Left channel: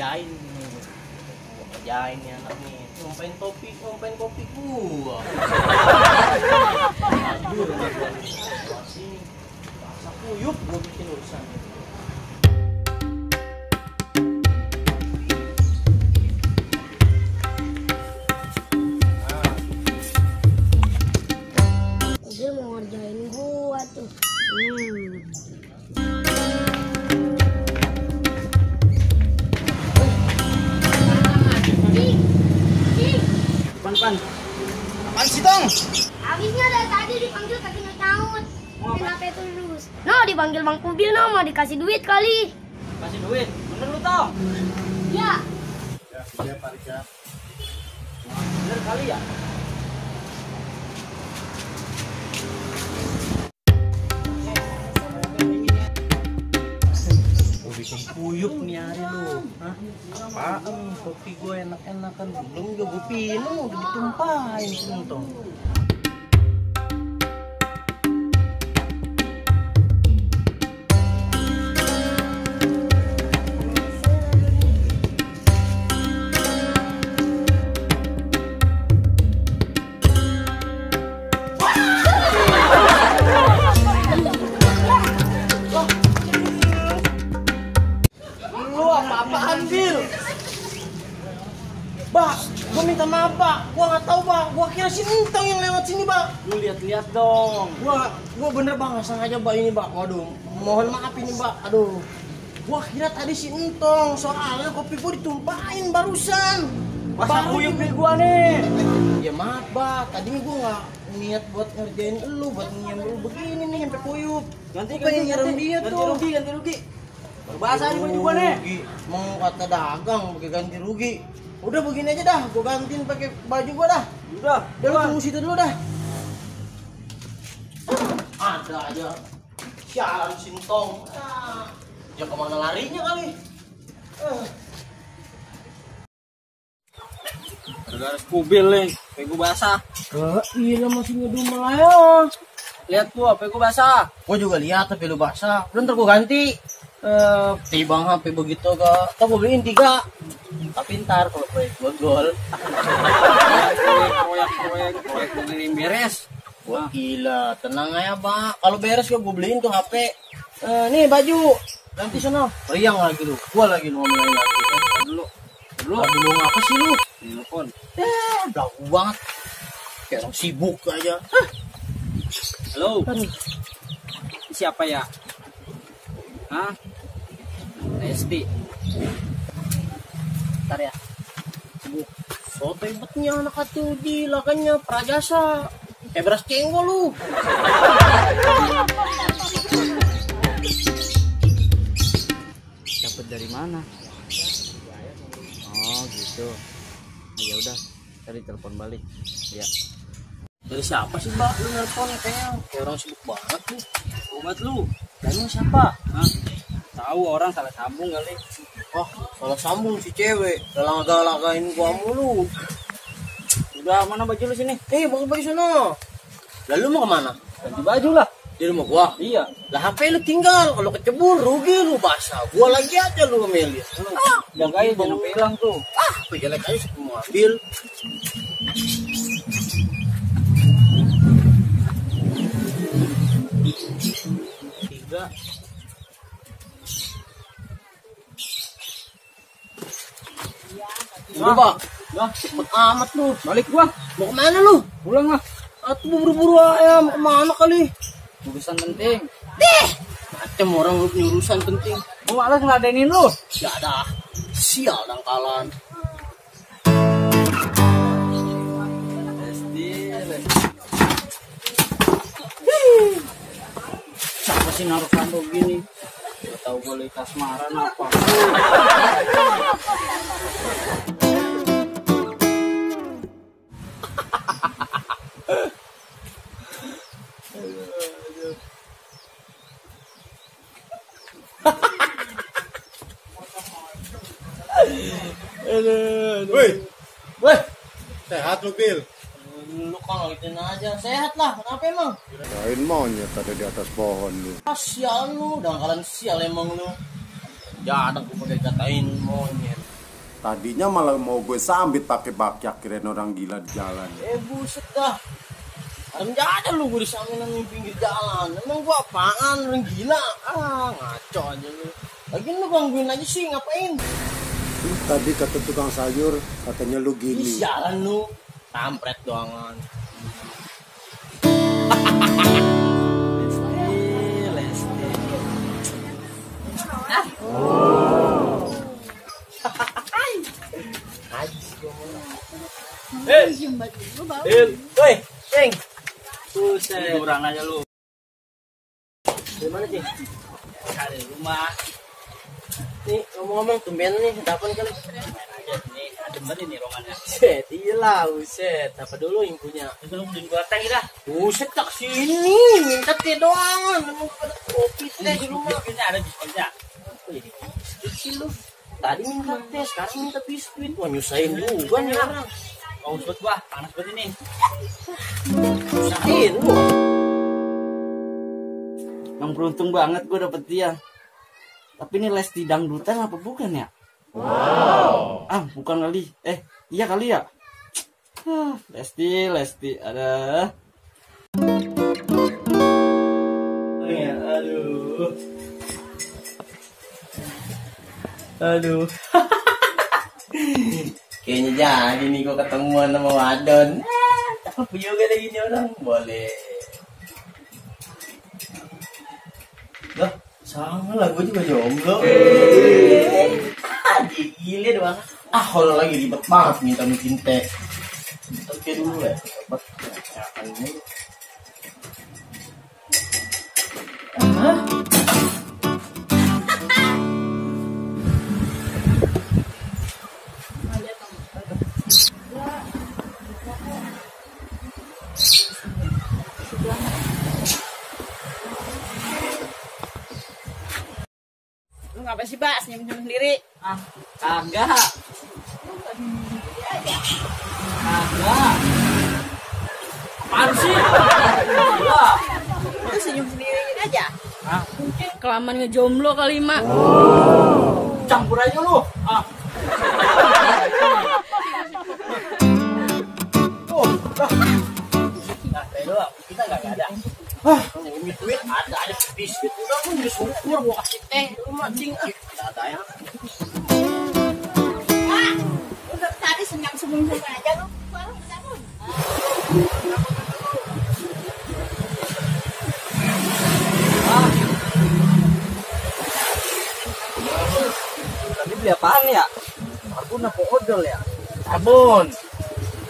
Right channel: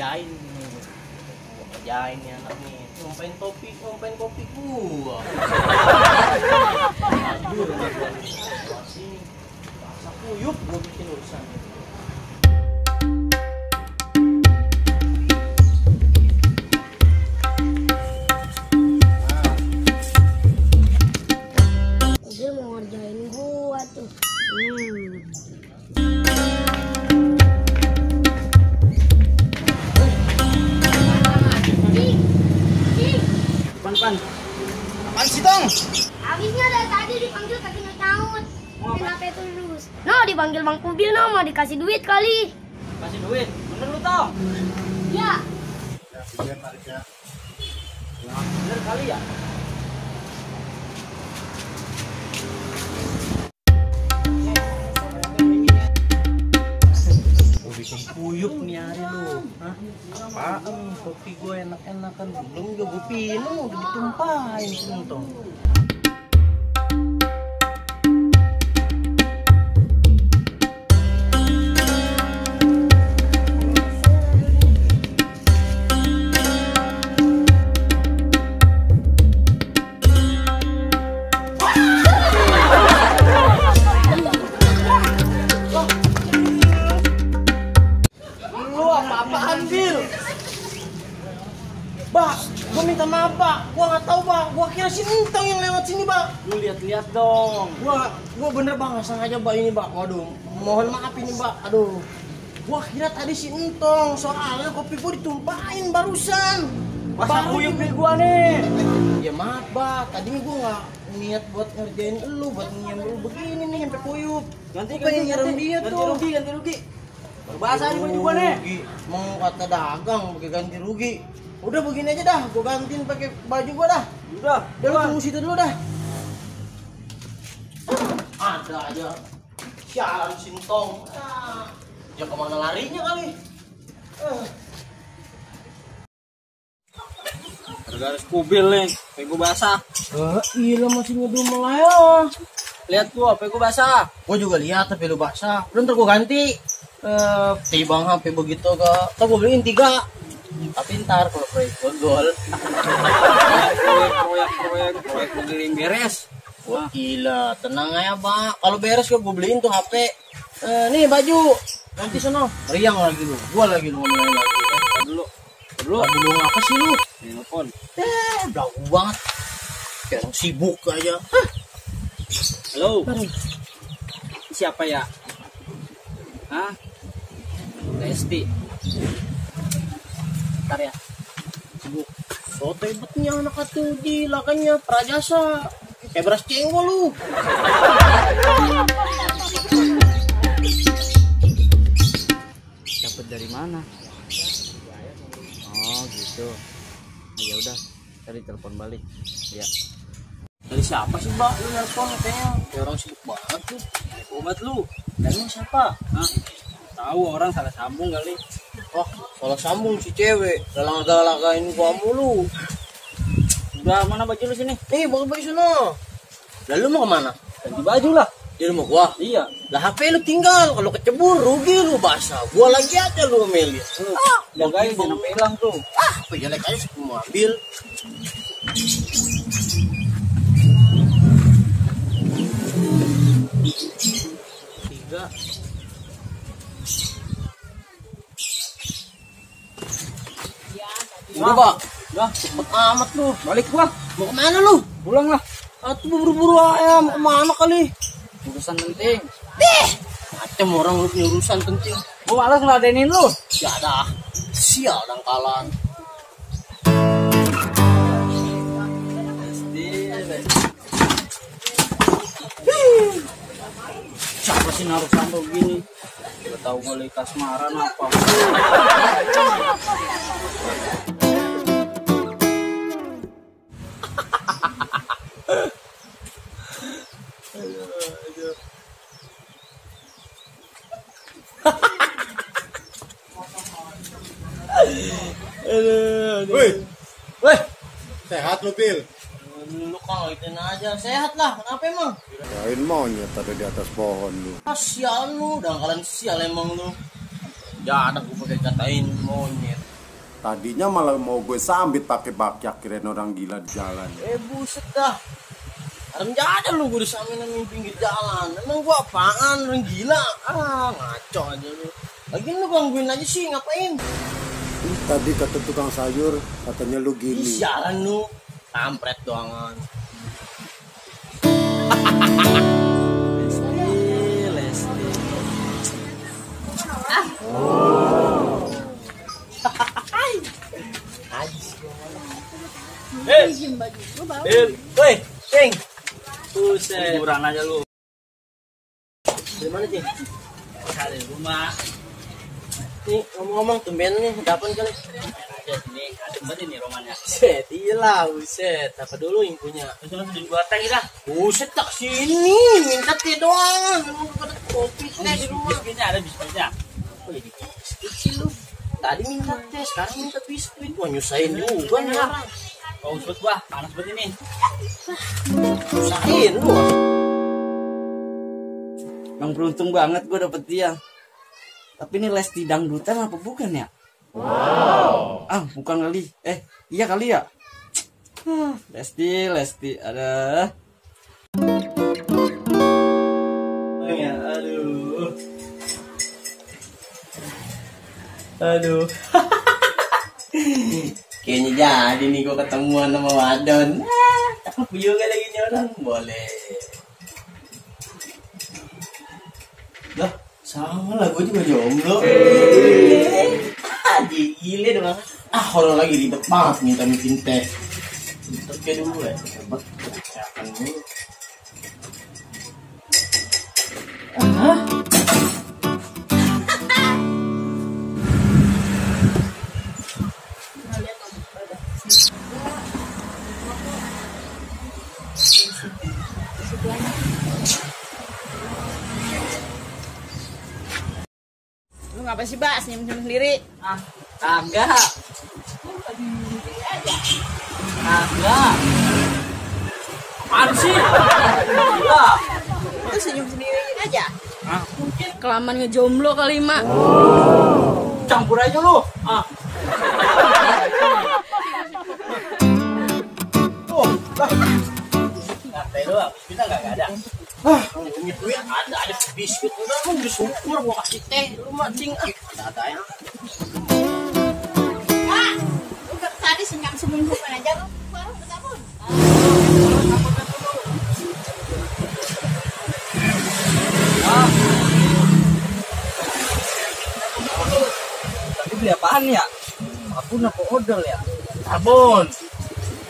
kerjain nih. Gua kerjain nih anak nih. Ngomongin kopi gua. Aduh, masih rasa kuyup gua bikin urusan. Dia mau ngerjain gua tuh. Pan. Apaan sih, Tong? Habisnya dari tadi dipanggil kaki nyaut. Kenapa terus? No, dipanggil Bang Kubil, no, mau dikasih duit kali. Kasih duit. Bener lu, Tong? Ya. Bener kali ya? Gue bikin kuyup nih hari lu. Hah? Apaan? Kopi gue enak-enakan. Belum juga gue pinum, udah ditumpahin sini, Tong. Apaan, Bil? Bak, gue minta maaf, Bak. Gue nggak tahu, Bak. Gue kira si Entong yang lewat sini, Bak. Lu lihat-lihat dong. Gue bener, Bak, nggak sengaja, Bak, ini, Bak. Waduh, mohon maaf ini, Bak. Aduh, gue kira tadi si Entong. Soalnya kopi gue ditumpahin barusan. Masa kuyup nih gue nih? Ya maaf, Bak. Tadinya gue nggak niat buat ngerjain lu, buat nyem lu begini nih sampai kuyup. Ganti rugi. Bahasa ini juga nih. Mau kata dagang pakai ganti rugi. Udah begini aja dah, gua gantiin pakai baju gua dah. Udah lu tunggu situ dulu dah. Ada aja. Sialan Sintong. Ya kemana larinya kali? Gara-gara Kubil nih, pegu basah. Iya masih ngedumel aja. Lihat gua, pegu basah. Gua juga lihat tapi lu basah. Udah ntar gua ganti. Bang HP begitu gak? Kita gue beliin 3. Tapi ntar kalau proyek gue gol. Proyek beliin beres. Wah gila, tenang aja, Pak. Kalau beres gue beliin tuh HP. Nih baju. Ganti sono. Riang lagi lu. Gua lagi lu ngomongin lagi. Dulu apa sih lu? Telepon. Belagu banget. Kayak orang sibuk aja. Halo. Siapa ya? Hah? Resti. Ntar ya. Sibuk. Soto hebatnya anak atuh gila kayaknya prajasa. Kayak beras cengkol lu. Dapat dari mana? Oh, gitu. Ya udah, cari telepon balik. Ya. Dari siapa sih, Mbak? Lu nelpon kayaknya kayak orang sibuk banget tuh. Obat lu. Dan lu siapa? Hah? Tahu orang salah sambung kali. Wah, salah sambung si cewek. Galang-galangin gua mulu. Udah, mana baju lu sini? Bawa baju sono. Lalu mau kemana? Ganti baju lah. Di rumah gua. Iya. Lah HP lu tinggal. Kalau kecebur rugi lu basah. Gua lagi aja lu ngemelin. Lu jagain jangan sampai hilang tuh. Apa jelek aja semua ambil. Tiga. Udah, Pak. Udah, Cepet amat lu. balik gua. Mau kemana lu? Pulang lah. Atuh buru-buru aja. Mau kemana kali? Urusan penting. Macam orang lu punya urusan penting. Gua malas ngeladenin lu. Ya dah. Sial dangkalan. Siapa sih naruh sandok gini? Gak tahu gue lagi kasmaran apa. Weh, sehat lu, Bil? Lu kalau itu aja sehat lah. Kenapa emang? Kirain monyet ada di atas pohon lu. Sial lu, dangkalan sial emang lu. Jangan aku pakai katain monyet. Tadinya malah mau gue sambit pakai bakyak, kirain orang gila di jalan. Buset dah. Orang ada lu gue disamain di pinggir jalan. Emang gua apaan? Orang gila. Ngaco aja lu. Lagian lu gangguin aja sih, ngapain? Tadi kata tukang sayur, katanya lu gini. Sialan lu. Kampret doangan. Lesti. Woi, Ceng. Buset. Tiduran aja lu. Dari mana, Ceng? Dari rumah. Nih, ngomong-ngomong tumben nih, dapat kali. Main aja sini. Adem banget nih romannya. Buset, iyalah, buset. Apa dulu yang punya? Terus gua teh dah. Buset, tak sini. Minta teh doang. Memang pada kopi teh di rumah. Biskuitnya ada biskuitnya. Kok jadi biskuit sih lu? Tadi minta teh, sekarang minta biskuit. Wah, nyusahin juga nih orang. Oh, usut gua panas banget ini. Nyusahin lu. Emang beruntung banget gue dapet dia. Tapi ini Lesti dangdutan apa bukan ya? Wow. Bukan kali. Iya kali ya. Lesti, ada. Ya, aduh. Kayaknya jadi nih gua ketemuan sama Wadon. Cakep juga lagi nih orang. Boleh. Lah, sama lah, gue juga jomblo. Gile doang. Kalau lagi ribet banget minta bikin teh. Terus dulu ya, sobat. Akan dulu. Lu ngapa sih, Mbak? Senyum-senyum sendiri? Kagak. Kagak. Apaan sih? Lu senyum sendiri aja? Mungkin kelamaan ngejomblo kali, Mak. Campur aja lu. Nah, teh doang. Kita nggak ada. Duit ada biskuit udah mau bersyukur gua kasih teh lu mancing ada ya. Udah tadi senyum aja lu. Baru bertabun. Tadi beli apaan ya? Aku apa odol ya? Sabun.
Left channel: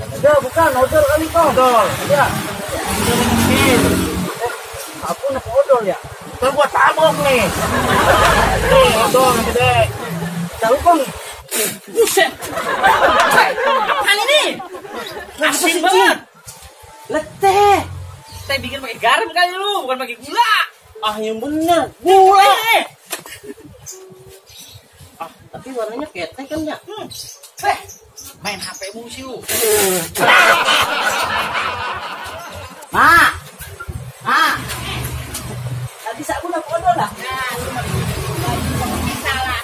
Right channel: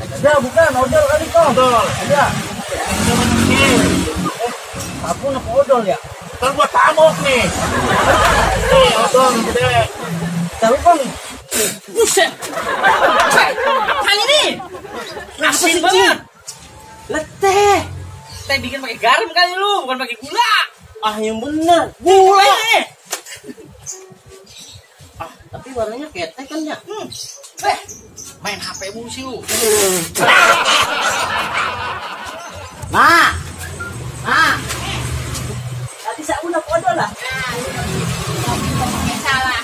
Ada bukan odol kali kok. Odol. Ada. Sabun apa odol ya? Kan gua tabok nih. Nih, odol gede. Tahu bang? Buset. Apaan ini? Asin banget. Leteh. Teh bikin pakai garam kali lu, bukan pakai gula. Yang bener gula. Tapi warnanya kayak teh kan ya. Main HP mulu sih lu. Nah. Tadi sabun apa odol lah? Nah, salah.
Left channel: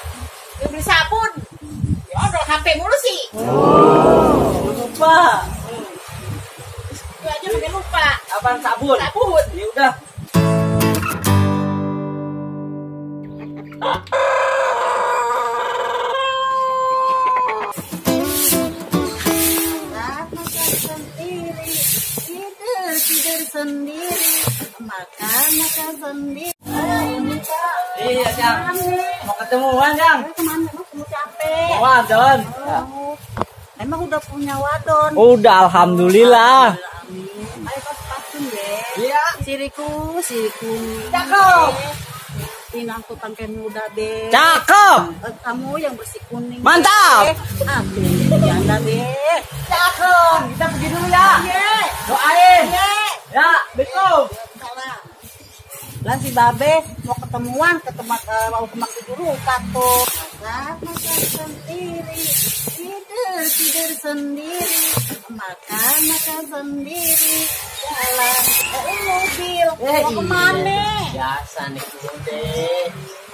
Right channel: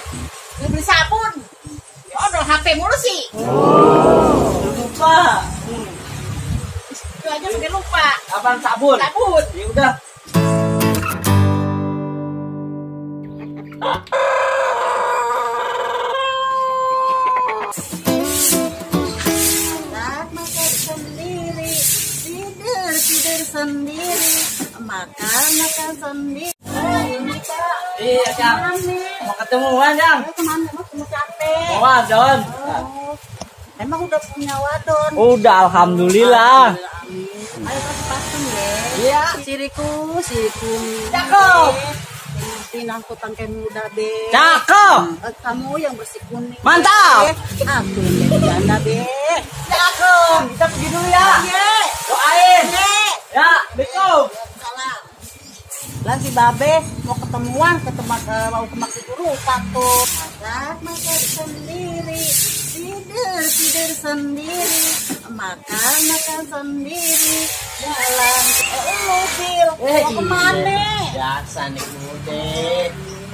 Lu beli sabun. Ya odol HP mulu sih. Lupa. Itu aja pakai lupa. Apaan sabun? Sabun. Ya udah. Tidur sendiri, makan sendiri. Iya, Cang. Mau ketemuan, Cang. Kemana? Mau capek. Mau wadon. Emang udah punya wadon? Udah, alhamdulillah. Ayo kasih parfum deh. Iya. Siriku. Cakep. Pinangku tangkai muda be. Cakep. Kamu yang bersih kuning. Mantap. Aku yang janda be. Cakep. Kita pergi dulu ya. Iya. Doain. Ya, Assalamualaikum. Salam. Lah si Babe mau ketemuan mau ke Mak lupa tuh. Makan sendiri, tidur sendiri, makan sendiri, jalan mobil. Mau kemana? Biasa nih mude.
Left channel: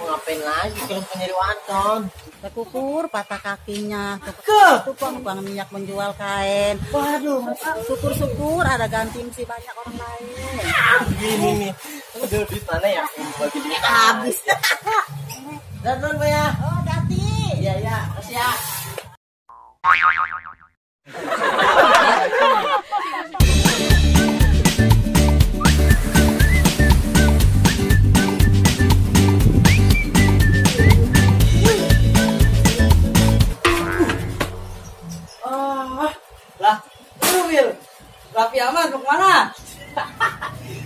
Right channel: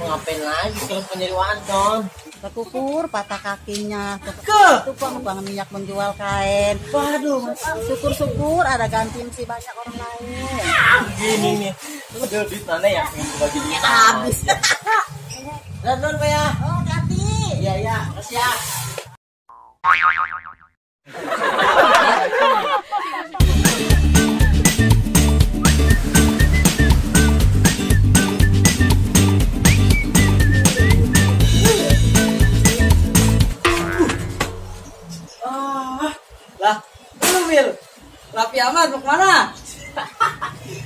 Mau ngapain lagi kalau penyari wadon? Kekukur patah kakinya. Ke? Itu kok bang minyak menjual kain. Waduh, Syukur-syukur ada ganti si banyak orang lain. gini nih. Udah duit mana ya? Bagi duit Habis. Dadan Pak ya. Oh, ganti. Iya ya, kasih ya. Lah, lu Bil, Raffi Ahmad mau kemana?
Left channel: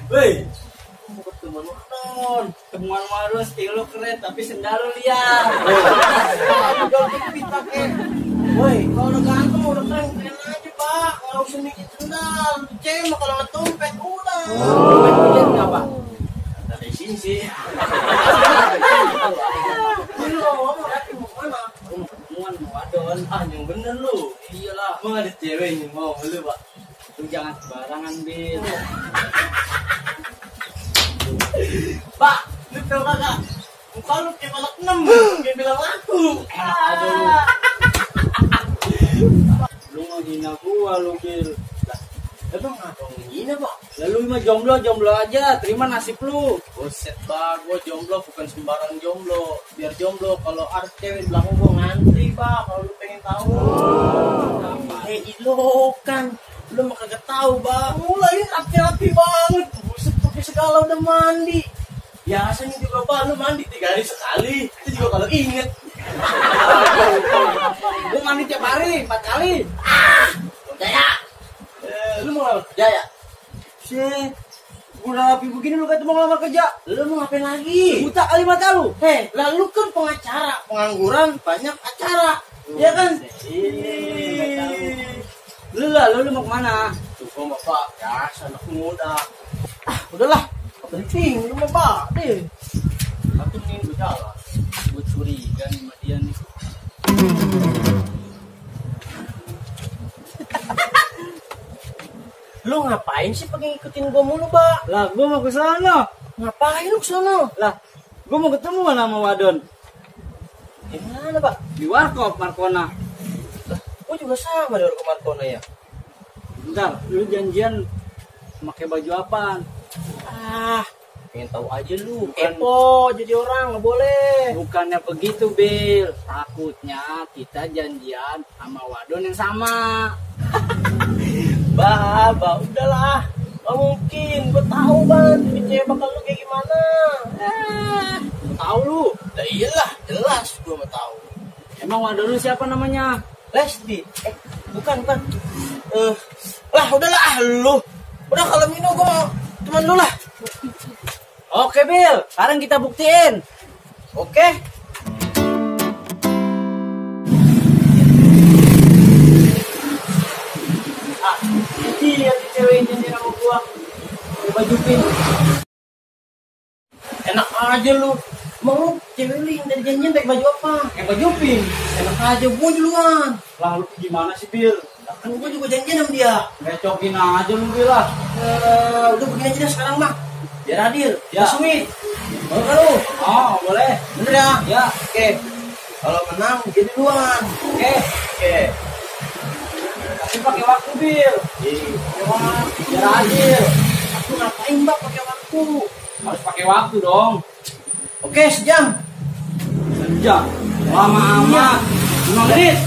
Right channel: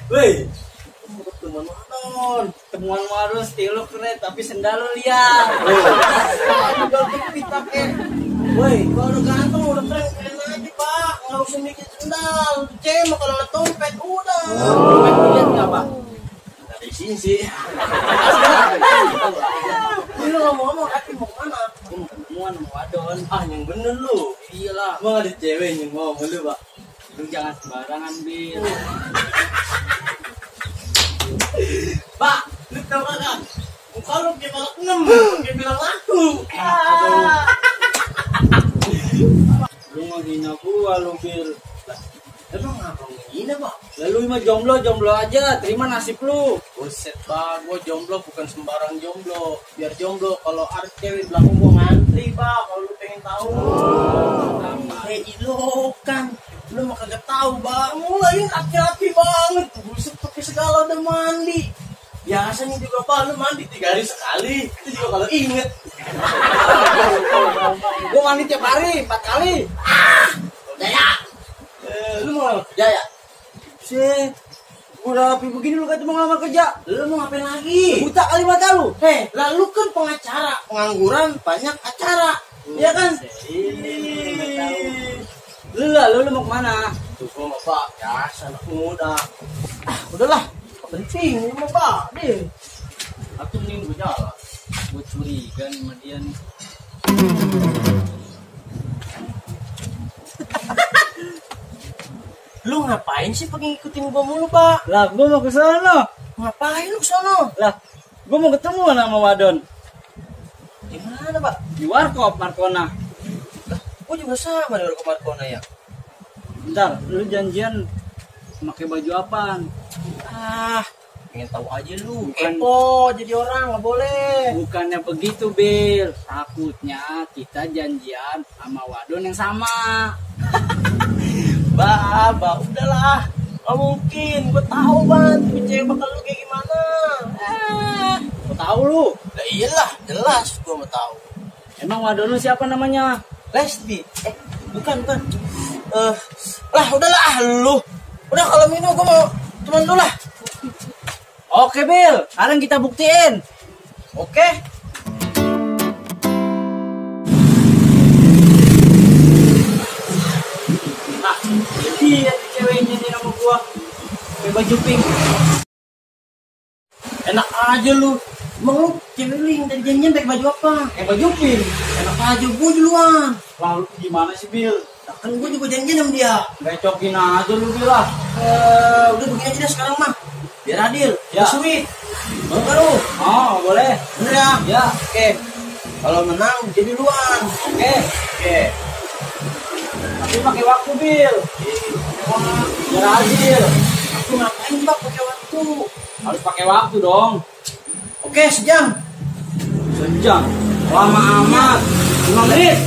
Woi, mau ketemuan wadon. Temuan warung stilo keren tapi sendal lu liat. Woi, kalau udah ganteng udah keren keren aja Pak. Nggak usah mikir sendal. Cewek mah kalau ada dompet udah. Lihat nggak Pak? Dari sini sih. Lu ngomong Raffi mau kemana? Gua mau ketemuan sama wadon. Ah, yang bener lu. Iyalah, Emang ada cewek yang mau lu Pak? lu jangan sembarangan Bil. Pak, lu tau kagak? Muka lu kayak balak 6, kayak bilang aku. Aduh. Lu menghina gua lu Bil. Lah, emang apa ngehina Pak? Lalu mah jomblo aja, terima nasib lu. Buset Pak, gua jomblo bukan sembarang jomblo. Biar jomblo, kalau ada cewek belakang gua ngantri Pak, kalau lu pengen tahu. Ilokan, lu mah kagak tahu Bang. Mulai laki-laki banget, buset pakai segala udah mandi. Biasanya juga Pak, lu mandi 3 hari sekali. Itu juga kalau inget. Gua mandi tiap hari, 4 kali. Udah ya. Lu mau kerja ya? Sih, udah rapi begini lu kata mau ngelamar kerja. Lu mau ngapain lagi? Buta kali mata lu. Hei, lalu kan pengacara, pengangguran banyak acara, ya kan? Lu mau kemana? Tuh gua mah Pak, ya anak muda. Ah, udahlah, penting ini mah Pak, deh. Tapi mending gue jalan. Gue curiga nih sama dia nih. Lu ngapain sih pakai ngikutin gua mulu Pak? Lah, gue mau ke sana. Ngapain lu kesana? Lah, gue mau ketemu sama Wadon Di mana Pak? di Warkop Markona. Gua juga sama dengan Markona ya. Bentar, lu janjian pakai baju apaan? Ah, pengen tahu aja lu. Bukan. Kepo jadi orang nggak boleh. Bukannya begitu, Bil. Takutnya kita janjian sama Wadon yang sama. Bah, udahlah. Gak mungkin, gue tahu banget cewek bakal lu kayak gimana. Gua tahu lu. Lah iyalah, jelas gue mau tahu. Emang Wadon lu siapa namanya? Lesti, bukan. Lah udahlah lu. Udah kalau minum gue mau teman lu lah. Oke, Bil. Sekarang kita buktiin. Oke. Ah, lihat ceweknya di nama gua. Pakai baju pink. Enak aja lu. Emang lu cewek lu yang tadi janjian pakai baju apa? Pakai baju pink. Enak aja gue duluan. Lah lu gimana sih, Bil? Nah, kan gue juga janjian sama dia. Becokin aja lu, Bil lah. Udah begini aja deh sekarang mah. Biar adil, Ya. biar sweet. Mau kan lu? Oh, boleh. Bener ya? Ya. Oke. Kalau menang jadi duluan. Oke. Oke. Tapi pakai waktu, Bil. Biar adil. Aku ngapain Mbak pakai waktu? Harus pakai waktu dong. Oke, sejam. Sejam. Lama amat. 5 menit.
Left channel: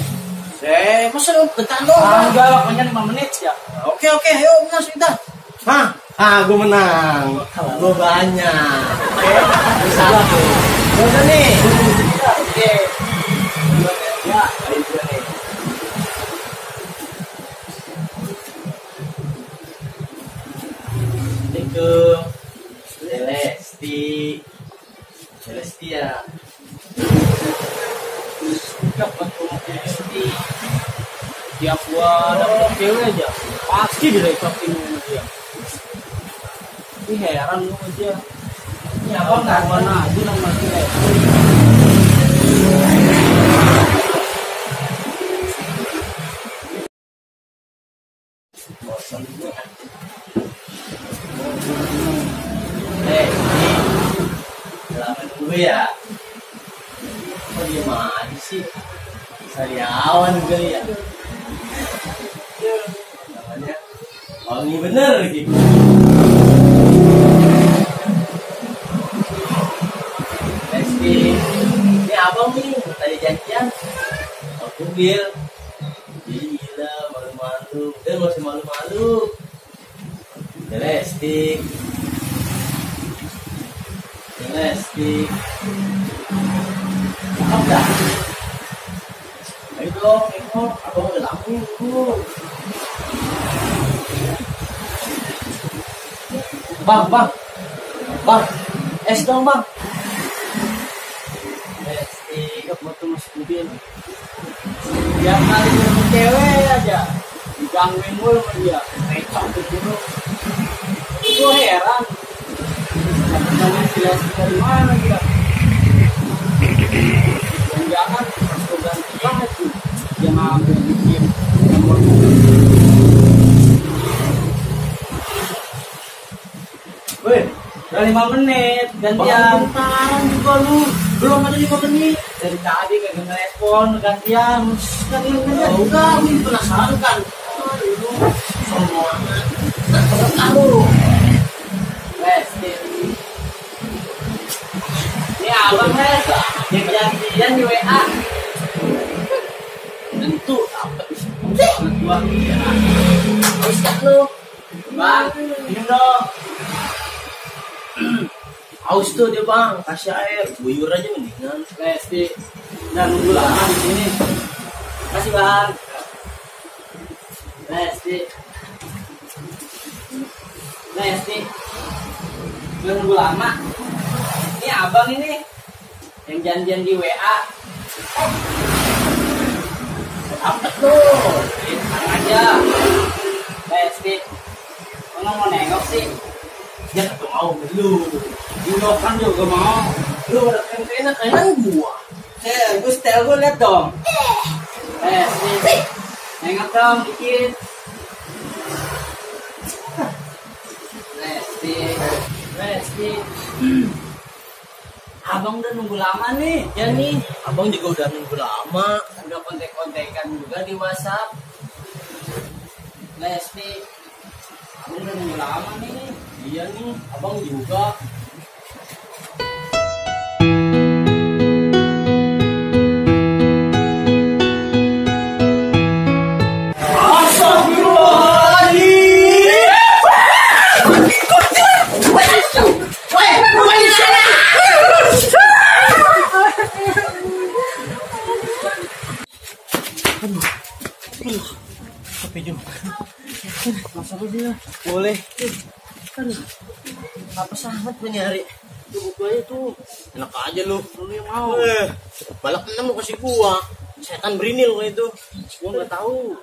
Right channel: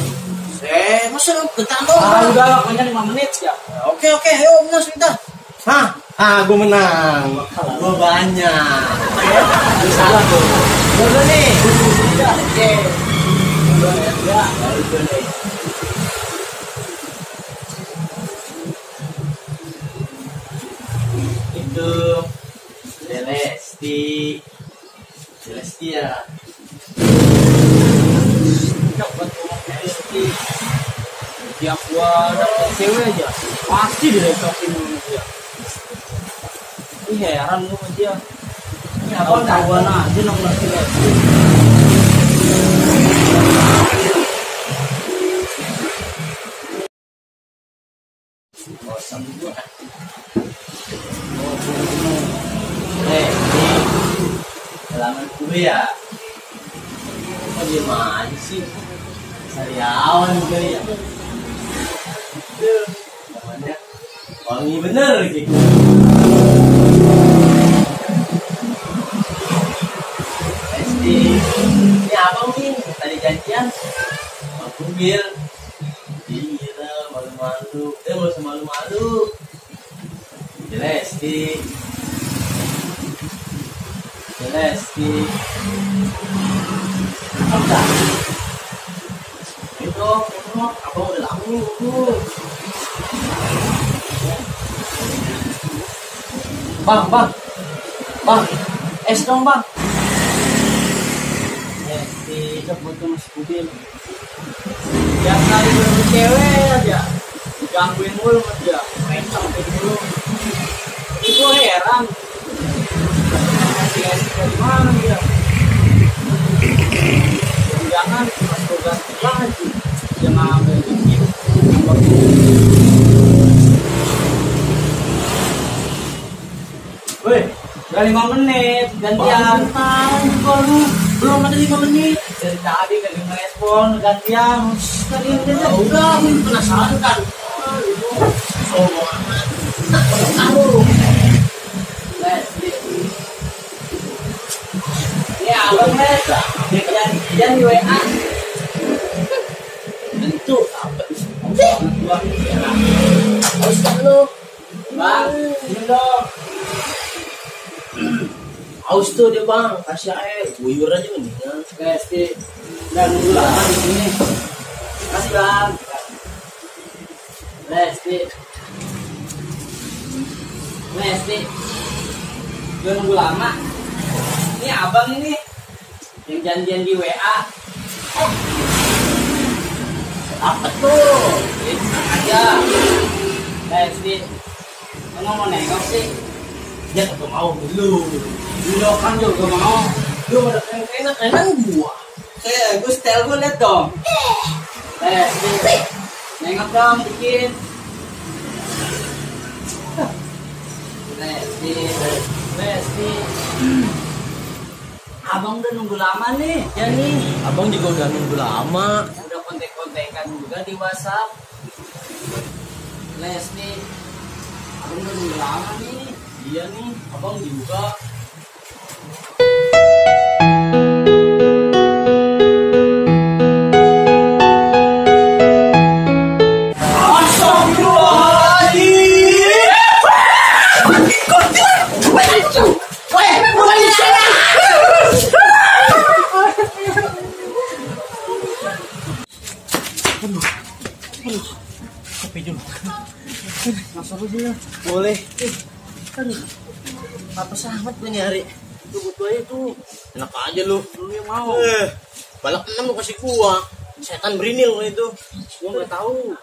Masa lu bentar doang? Ah, Bang? udah waktunya 5 menit ya. Oke, ayo menang sebentar. Gue menang. Gue banyak. Oke, bisa lah tuh. Udah nih. Oke. Ya, baik gue nih. Itu Celesti ya. Dapat ngomong Celesti. Tiap gua dapet cewek aja, pasti direcokin sama dia. Ini heran lu sama dia. Ini abang kawan aja nomor Celesti. Bosan gue. Ini halaman gue ya. sama aja sih. Sariawan kali ya. Aduh, namanya wangi bener gitu. Pasti ini abang nih tadi janjian aku bil. Gila malu-malu, nggak usah malu-malu. Celesti, cakep dah. Ayo dong, abang udah lama nih nunggu. Bang, es dong bang. Celesti, buat tuh masih mobil. Yang nari sama cewek aja, digangguin mulu sama dia, mecokin dulu. Itu heran, dapetnya Celesti dari mana dia? Jangan pas gue ganti baju, dia ngambil bikin nomor dulu. Weh, udah 5 menit gantian. Tahun juga lu, belum ada 5 menit. Dari tadi kagak ngerespon gantian. Tadi gantian udah, aku penasaran kan. Lu semua kamu Lesti. Ini abang Les, dia janjian di WA. Tentu apa banget gua. Haus kan lu? Bang, minum dong. Haus tuh dia bang, kasih air, buyur aja mendingan. Lesti, udah nunggu lama di sini. Kasih bang. Lesti, udah nunggu lama. Ini abang ini yang janjian di WA. Oh, apa tuh? Tenang aja. Lesti, mau nengok sih? Dia kagak mau lu. Lu kan juga mau. Lu udah enak gua. Gue setel gue liat dong. Nengok dong dikit. Lesti. Abang udah nunggu lama nih. Ya nih, abang juga udah nunggu lama. Udah kontek-kontekan juga di WhatsApp. Lesti, abang udah nunggu lama nih. Iya nih, abang juga. Kopi dulu. Masuk aja. Boleh. Aduh. Apa sangat gue nyari? Tuh butuh aja tuh. Enak aja lu. Lu yang mau. Balak 6 lu kasih gua. Setan berinil lo itu. Gua enggak tahu.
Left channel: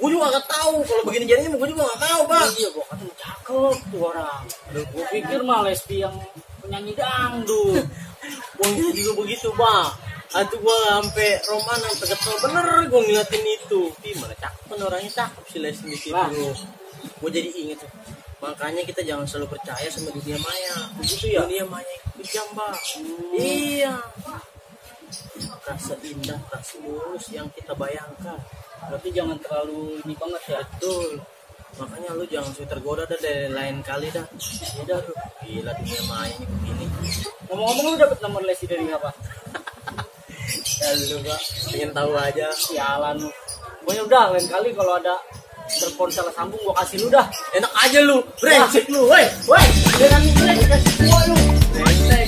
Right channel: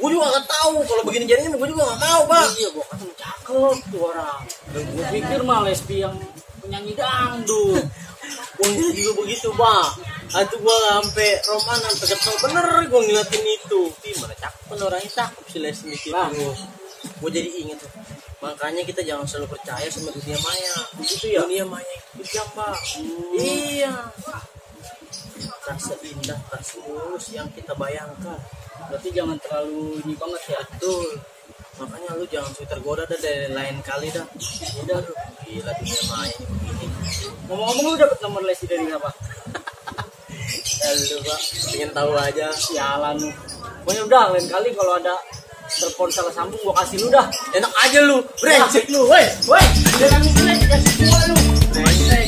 Gua juga enggak tahu kalau begini jadinya gua juga enggak mau, Bang. Iya, gua kata cakep tuh orang. Gua pikir mah Lesti yang penyanyi dangdut. Gua juga begitu, Bang. Aduh gua sampai roman sampai kesel bener gua ngeliatin itu. Gimana cakep kan orangnya, cakep si Lesti gitu. Gua jadi inget tuh. Makanya kita jangan selalu percaya sama dunia maya. Begitu ya? Dunia maya itu kejam, Bang. Iya. Rasa indah, rasa mulus yang kita bayangkan. Berarti jangan terlalu ini banget ya. Betul. Makanya lu jangan suka tergoda dah dari lain kali dah. Ya dah lu. Gila dunia maya ini begini. Ngomong-ngomong lu dapet nomor Lesti dari apa? Ya lu, Pak. Pengen tahu aja. Sialan lu. Pokoknya udah lain kali kalau ada telepon salah sambung gua kasih lu dah. Enak aja lu. Brengsek lu. Woi. Jangan kasih gua lu. Brengsek.